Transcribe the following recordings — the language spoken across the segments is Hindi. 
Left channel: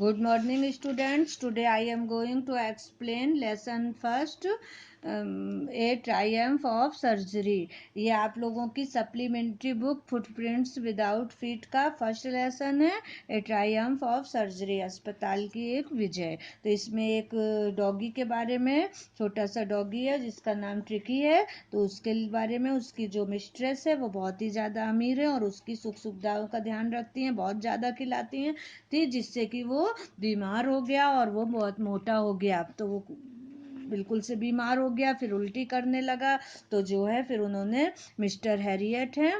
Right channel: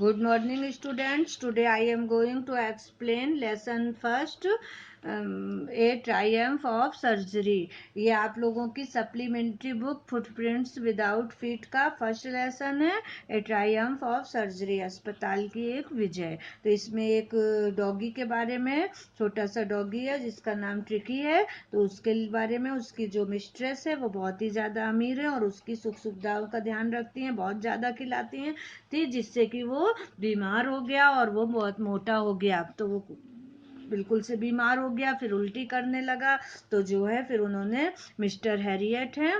Good morning, students. Today I am going to explain lesson first, A Triumph of Surgery. ये आप लोगों की supplementary book footprints without feet का फर्स्ट लेसन है, ए ट्रायम्फ ऑफ सर्जरी, अस्पताल की एक विजय। तो इसमें एक डॉगी के बारे में, छोटा सा डॉगी है जिसका नाम ट्रिकी है। तो उसके बारे में, उसकी जो मिस्ट्रेस है वो बहुत ही ज़्यादा अमीर है और उसकी सुख सुविधाओं का ध्यान रखती हैं, बहुत ज़्यादा खिलाती हैं थी, जिससे कि वो बीमार हो गया और वो बहुत मोटा हो गया। तो वो बिल्कुल से बीमार हो गया, फिर उल्टी करने लगा। तो जो है फिर उन्होंने मिस्टर हैरियट हैं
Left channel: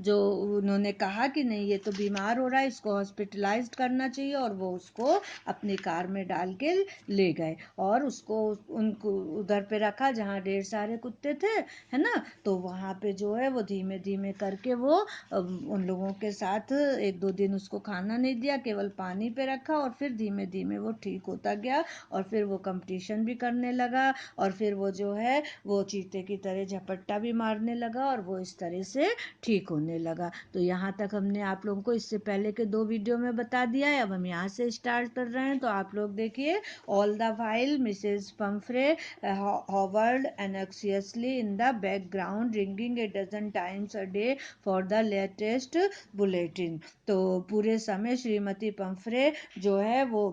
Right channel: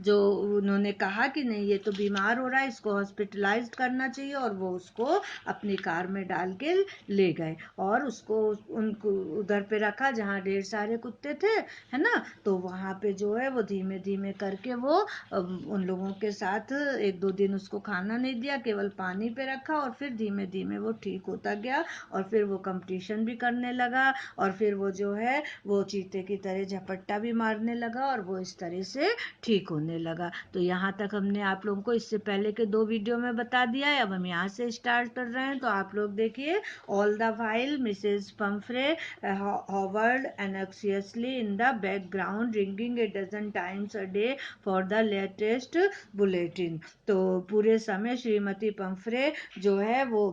जो उन्होंने कहा कि नहीं ये तो बीमार हो रहा है, इसको हॉस्पिटलाइज्ड करना चाहिए, और वो उसको अपनी कार में डाल के ले गए और उसको उनको उधर पे रखा जहाँ ढेर सारे कुत्ते थे, है ना। तो वहाँ पे जो है वो धीमे धीमे करके वो उन लोगों के साथ एक दो दिन उसको खाना नहीं दिया, केवल पानी पे रखा, और फिर धीमे धीमे वो ठीक होता गया और फिर वो कंपटीशन भी करने लगा, और फिर वो जो है वो चीते की तरह झपट्टा भी मारने लगा और वो इस तरह से ठीक होने लगा। तो यहाँ तक हमने आप लोगों को इससे पहले के 2 वीडियो में बता दिया है। अब हम यहाँ से स्टार्ट कर रहे हैं। तो आप लोग देखिए, all the while Mrs Pomfrey hovered anxiously in the background, ringing a dozen times a day for the latest bulletin। तो पूरे समय श्रीमती पंफ्रे जो है वो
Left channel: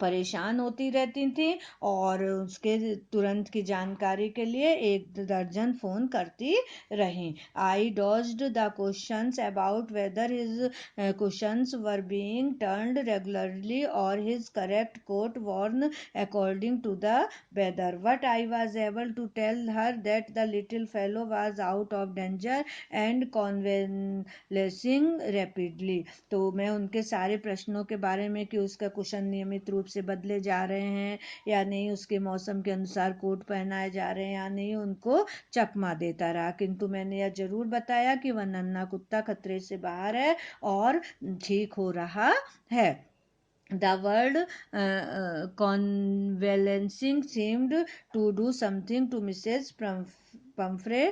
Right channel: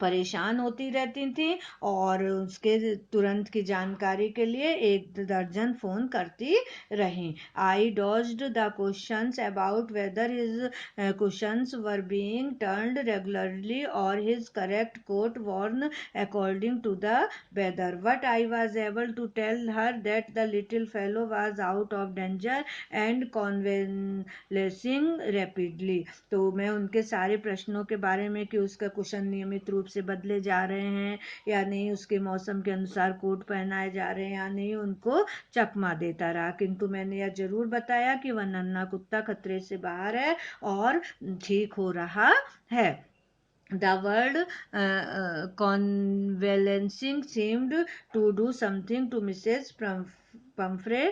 परेशान होती रहती थी और उसके तुरंत की जानकारी के लिए 1 दर्जन फ़ोन करती रहीं। I dodged the questions about whether his cushions were being turned regularly or his correct coat worn according to the weather. But I was able to tell her that the little fellow was out of danger and convalescing rapidly। तो मैं उनके सारे प्रश्नों के बारे में कि उसका कुशन नियमित रूप से बदले जा रहे हैं या नहीं, उसके मौसम के अनुसार कोट पहनाए जा रहे हैं या नहीं, उनको चकमा देता रहा। किंतु मैंने यह जरूर बताया कि वह नन्हा कुत्ता खतरे से बाहर है और ठीक हो रहा है। The word convalescing seemed to do something to Mrs. Pomfrey.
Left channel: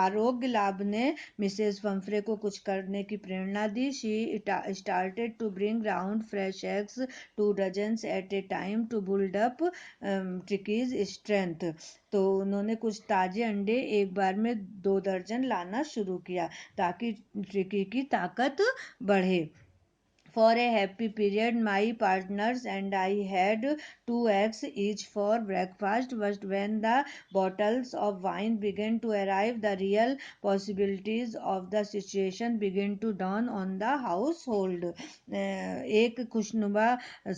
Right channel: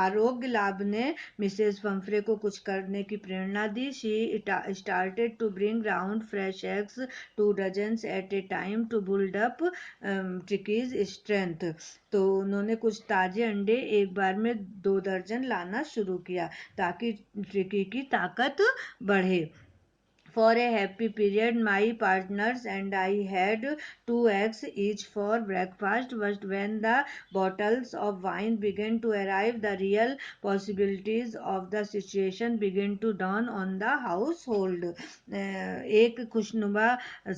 आरोग्य लाभ ने मिसेस पंफ्रे को कुछ करने की प्रेरणा दी। She started to bring round fresh eggs 2 dozens at a time to build up Tricki's strength. तो उन्होंने कुछ ताजे अंडे एक बार में 2 दर्जन लाना शुरू किया ताकि ट्रिकी की ताकत बढ़े। For a happy period, my partners and I had 2 eggs each for breakfast. But when the bottles of wine began to arrive, the real possibilities of the situation began to dawn on the household. एक खुशनुमा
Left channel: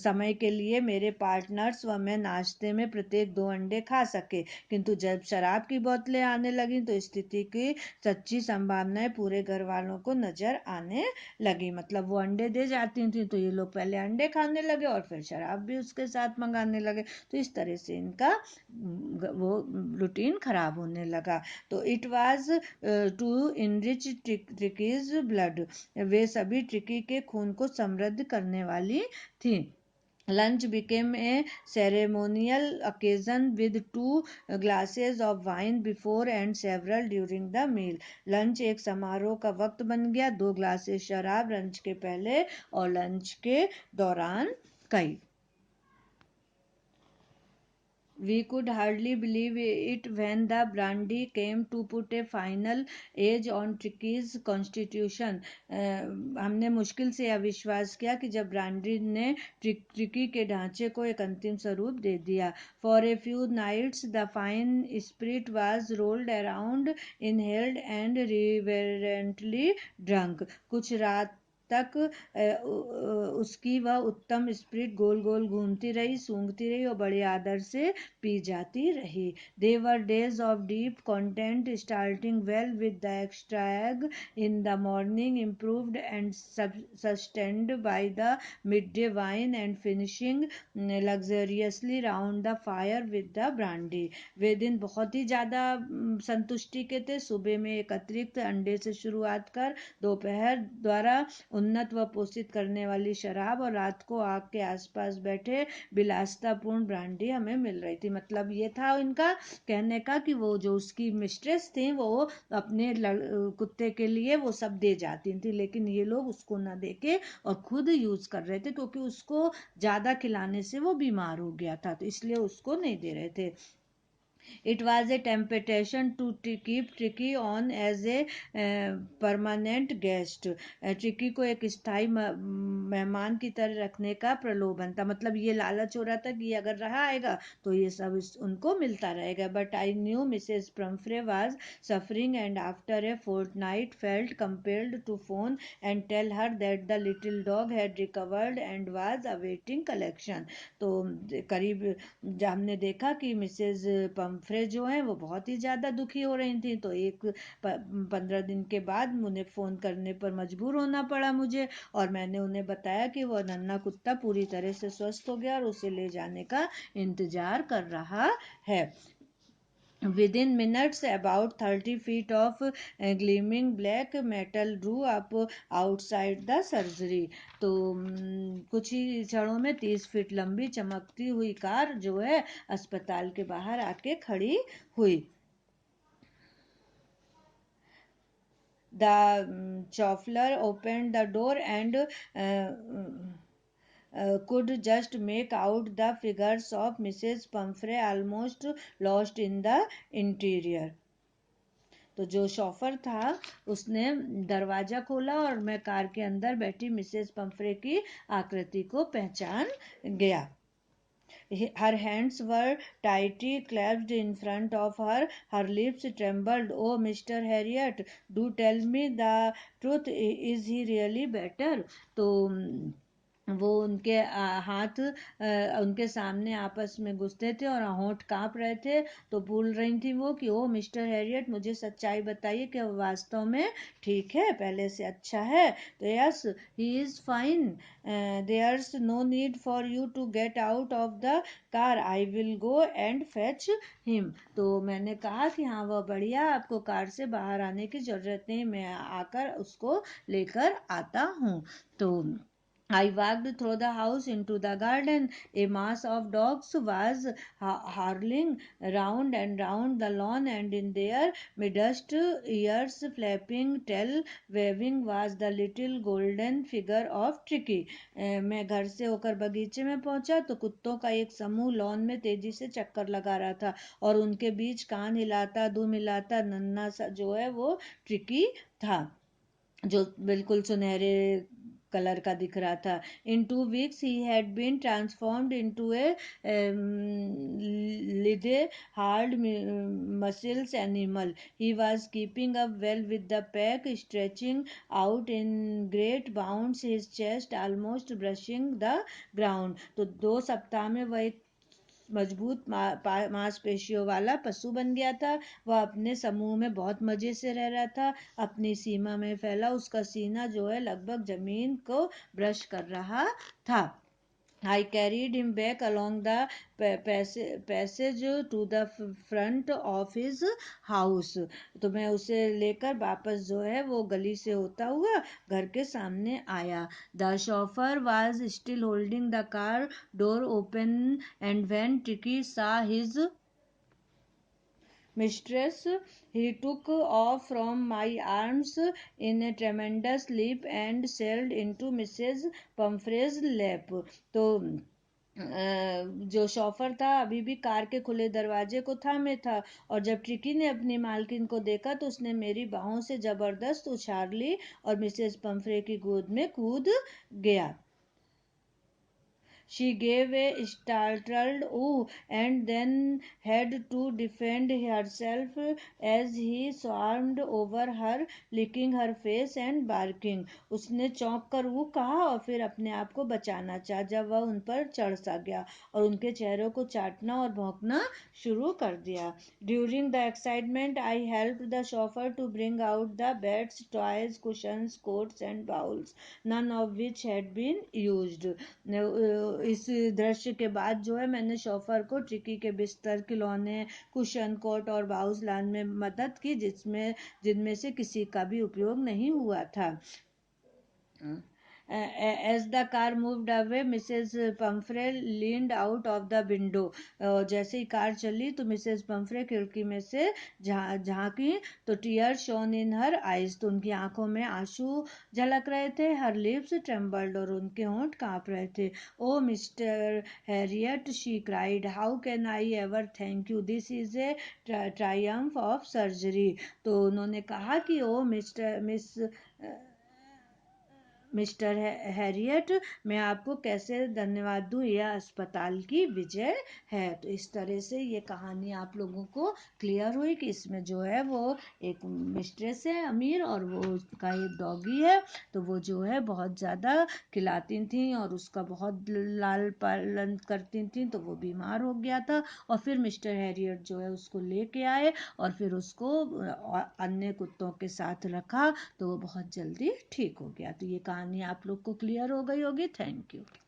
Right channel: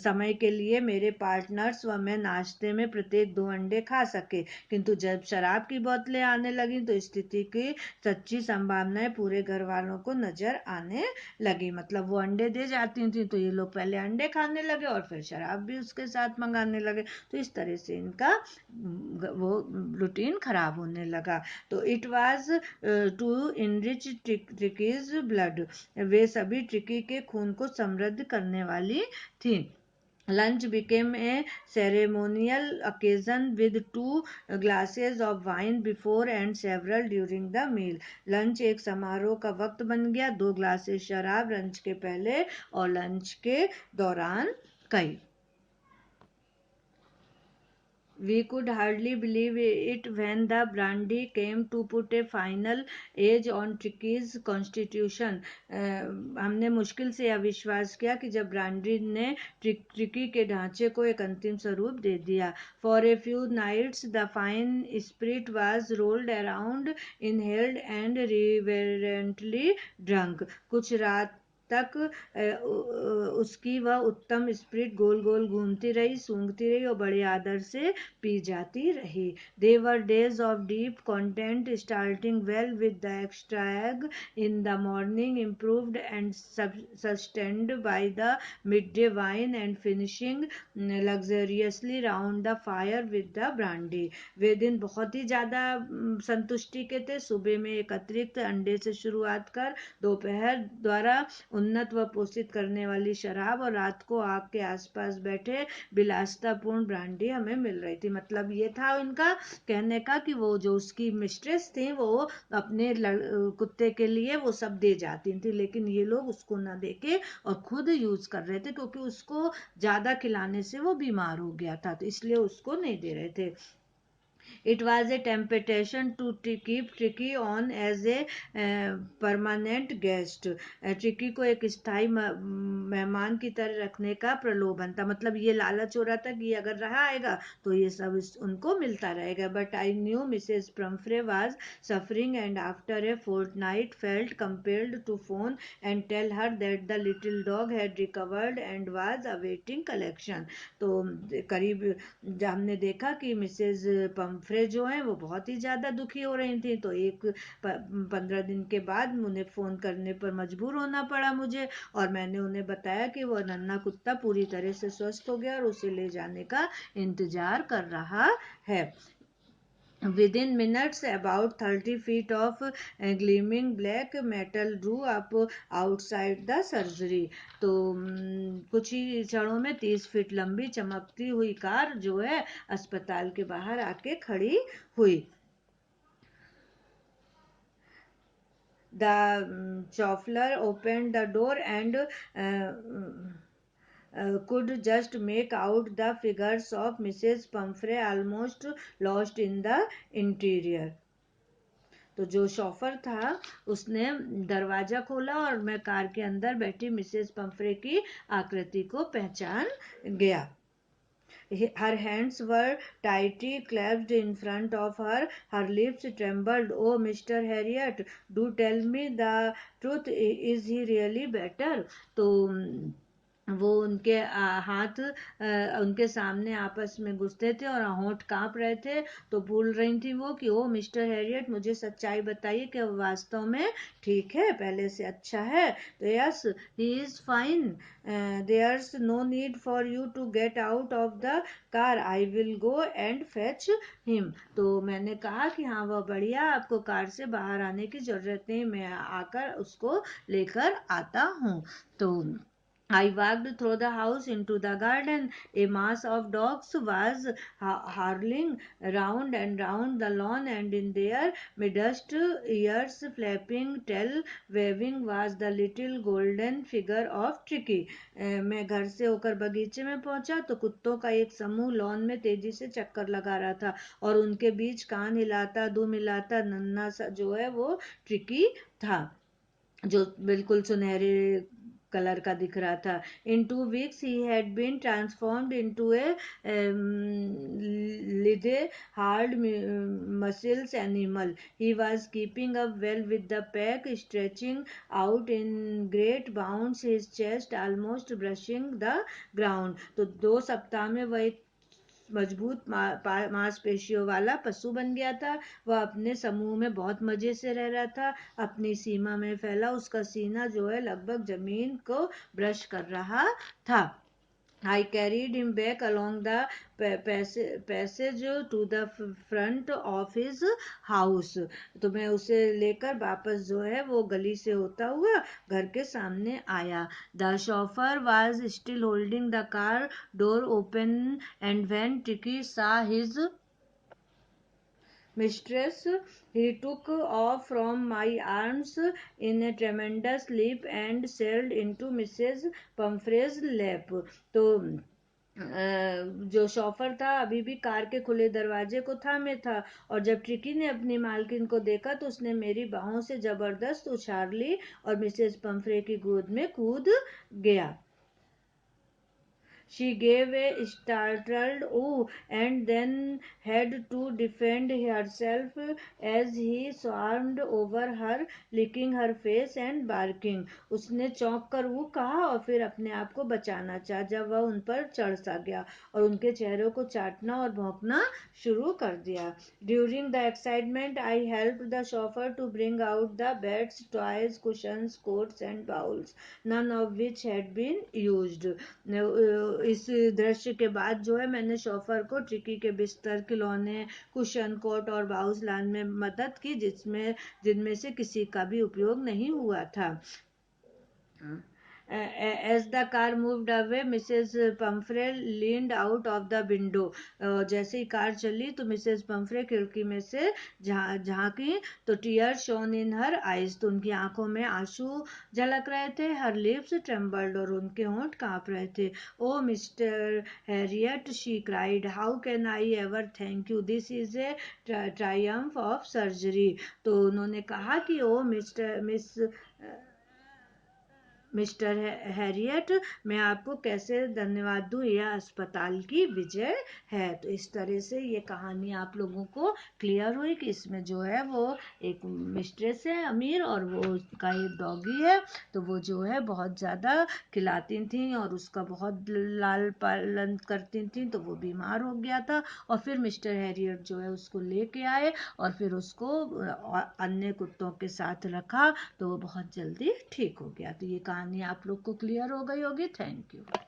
समय के लिए मेरे पार्टनर्स व मैं नाश्ते में प्रत्येक 2 अंडे खा सके, किंतु जब शराब की बोतलें आने लगी तो स्थिति की सच्ची संभावनाएं पूरे घर वालों को नजर आने लगी। मतलब वो अंडे दे जाती थी तो ये लोग पहले अंडे खाने लगे और फिर शराब भी उसके साथ मंगाने लगे। तो इस तरह से इनका वो रूटीन खराब होने लगा। तो it was to enrich Tricki's blood, वे सभी ट्रिकी के खून को समृद्ध करने वाली थी। Lunch became a ceremonial occasion with 2 glasses of wine before and several during the meal. Lunch एक समारोह का वक्त बन गया, 2 ग्लासेस शराब लंच के पहले और लंच के दौरान कई। We could hardly believe it when the brandy came to put a final edge on Tricky's constitution. हमने मुश्किल से यह विश्वास किया कि जब ब्रांडी ने ट्रिकी के ढांचे को एक अंतिम स्वरूप दे दिया। For a few nights the fine spirit was rolled around, inhaled and reverently drunk. कुछ रात तक उसकी वह उत्तम स्प्रिट गोल गोल घूमती रही, सूंघती रही और बड़े आदर से पी जाती रही। They were days of deep content, starting well with the extra egg in the morning, improved and sustained by the midday wine, and finishing luxuriously round the fire with the brandy। वे दिन बहुत ही ज़्यादा संतुष्टि के थे। सुबह में एक अतिरिक्त अंडे से शुरुआत कर दोपहर द्वारा उन्नत व पोषित करने वाली शराब और रात को आग के आसपास बैठे विलासितापूर्ण ब्रांडी हमें मिल रही थी। मतलब ये था इनका कहने का कि वो जो उसकी मिस्ट्रेस थी वो अपने कुत्ते के लिए वो सब दे जाती थी, लेकिन ये लोग उसको ना देके और खुद यूज कर रहे थे, क्योंकि उसको ज्यादा खिलाने से वो बीमार हो गया था, तो इसलिए उसको नहीं दे रहे थे। It was a temptation to keep Tricky on as a permanent guest. Tricky को एक स्थायी मेहमान की तरह रखने का प्रलोभन था। मतलब ये लालच हो रहा था कि ये अगर रहा आएगा तो ये सब उनको मिलता रहेगा। But I knew Mrs Pomfrey was suffering and after a fortnight felt compelled to phone and tell her that the little dog had recovered and was awaiting collection. तो करीब जब हमने देखा कि मिसेज पम्फ्रे जो है वो बहुत ही ज़्यादा दुखी हो रही थी, तो 15 दिन के बाद उन्हें फ़ोन करने पर मजबूर होना पड़ा मुझे, और मैंने उन्हें बताया कि वह नन्हा कुत्ता पूरी तरह से स्वस्थ हो गया और उसे ले जाने का इंतजार कर रहा है। Within minutes, about 30 feet of gleaming black metal drew up outside the surgery. तो कुछ ही क्षणों में 30 फीट लंबी चमकती हुई कार जो है अस्पताल के बाहर आके खड़ी हुई। The chauffeur opened the door and could just make out the figures of Mrs. Pumphrey almost lost in the interior. तो जो शॉफर था उसने दरवाजा खोला और मैं कार के अंदर बैठी मिसेस पंफ्रे की आकृति को पहचान गया। Her hands were tightly clasped in front of her. Her lips trembled. Oh, Mr. Harriet, do tell me the truth. Is he really better? तो वो उनके हाथ उनके सामने आपस में घुसते थे और होंठ कांप रहे थे, तो बोल रही थी वो कि ओ मिस्टर हैरियट, मुझे सच्चाई बताइए कि वो वास्तव में ठीक है, पहले से अच्छा है। तो yes, he is fine, there's no need for you to get out of the car, I will go and fetch him. तो मैंने कहा कि हाँ वह बढ़िया, आपको कार से बाहर आने की जरूरत नहीं, मैं आकर उसको लेकर आता हूँ। तो I walked through the house into the garden. A mass of dogs was hurling round and round the lawn, and in their midst, ears flapping, tail waving, was the little golden figure of Tricky. मैं घर से होकर बगीचे में पहुंचा तो कुत्तों का एक समूह लॉन में तेजी से चक्कर लगा रहा था, और उनके बीच कान हिलाता दुम हिलाता नन्हा सा जो है वो ट्रिकी था, जो बिल्कुल सुनहरे कलर का दिख रहा था। इन 2 weeks he had been transformed into a lithe hard muscles animal. He was keeping up well with the pack, stretching out in great bounds, his chest almost brushing the ground. तो 2 सप्ताह में वह एक मजबूत मांसपेशियों वाला पशु बन गया था। वह अपने समूह में बहुत मजे से रह रहा था, अपनी सीमा में फैला उसका सीना जो है लगभग जमीन को ब्रश कर रहा था। I carried him back along the passage to the front of his house. तो मैं उसे लेकर वापस जो है वो गली से होता हुआ घर के सामने आया। The chauffeur was still holding the car door open, and when Tricky saw his mistress, he took off from my arms in a tremendous leap and sailed into Mrs. Pumphrey's lap. तो जो शॉफर था अभी भी कार के खुले दरवाजे को थामे था, और जब ट्रिकी ने अपनी मालकिन को देखा तो उसने मेरी बाहों से जबरदस्त उछाल ली और मिसेस पंफ्रे की गोद में कूद गया। She gave a startled "ooh" and then had to defend herself as he swarmed over her, licking her face and barking. उसने चौंक कर वो कहा और फिर अपने आप को बचाना चाहा जब वह उन पर चढ़ सा गया और उनके चेहरों को चाटना और भौंकना शुरू कर दिया। During the excitement, I helped the chauffeur to bring out the beds, toys, cushions, coats and bowls, none of which had been used. इस दृश्य के बाद जो है मैंने शॉफर को ट्रिकी के बिस्तर, खिलौने, कुशन, कोट और बाउस लाने में मदद की जिनमें से किसी का भी उपयोग नहीं हुआ था। As the car moved away, Mrs. Pumphrey leaned out of the window. जैसे ही कार चली तो मिसेस पम्फ्रे खिड़की में से झांकी तो tear shone in her eyes, तो उनकी आंखों में आंसू झलक रहे थे. हर लिप्स ट्रेम्बल्ड, और उनके होंठ कांप रहे थे. Oh Mr Herriot, she cried, how can I ever thank you, this is a triumph of surgery. तो उन्होंने कहा कि ओ मिस्टर हैरियट, मैं आपको कैसे धन्यवाद दूं, यह अस्पताल की विजय है. तो इस तरह से ये कहानी आप लोगों को क्लियर हुई कि इसमें जो है वो एक मिस्ट्रेस है अमीर, और वो उसका एक डॉगी है. तो वो जो है बहुत ज़्यादा खिलाती थी और उसका बहुत लाल पालन करती थी. तो वो बीमार हो गया था, और फिर मिस्टर हैरियट जो है उसको लेके आए और फिर उसको अन्य कुत्तों के साथ रखा, तो वो बहुत जल्दी ठीक हो गया. तो ये कहानी आप लोग को क्लियर हो गई होगी. Thank you.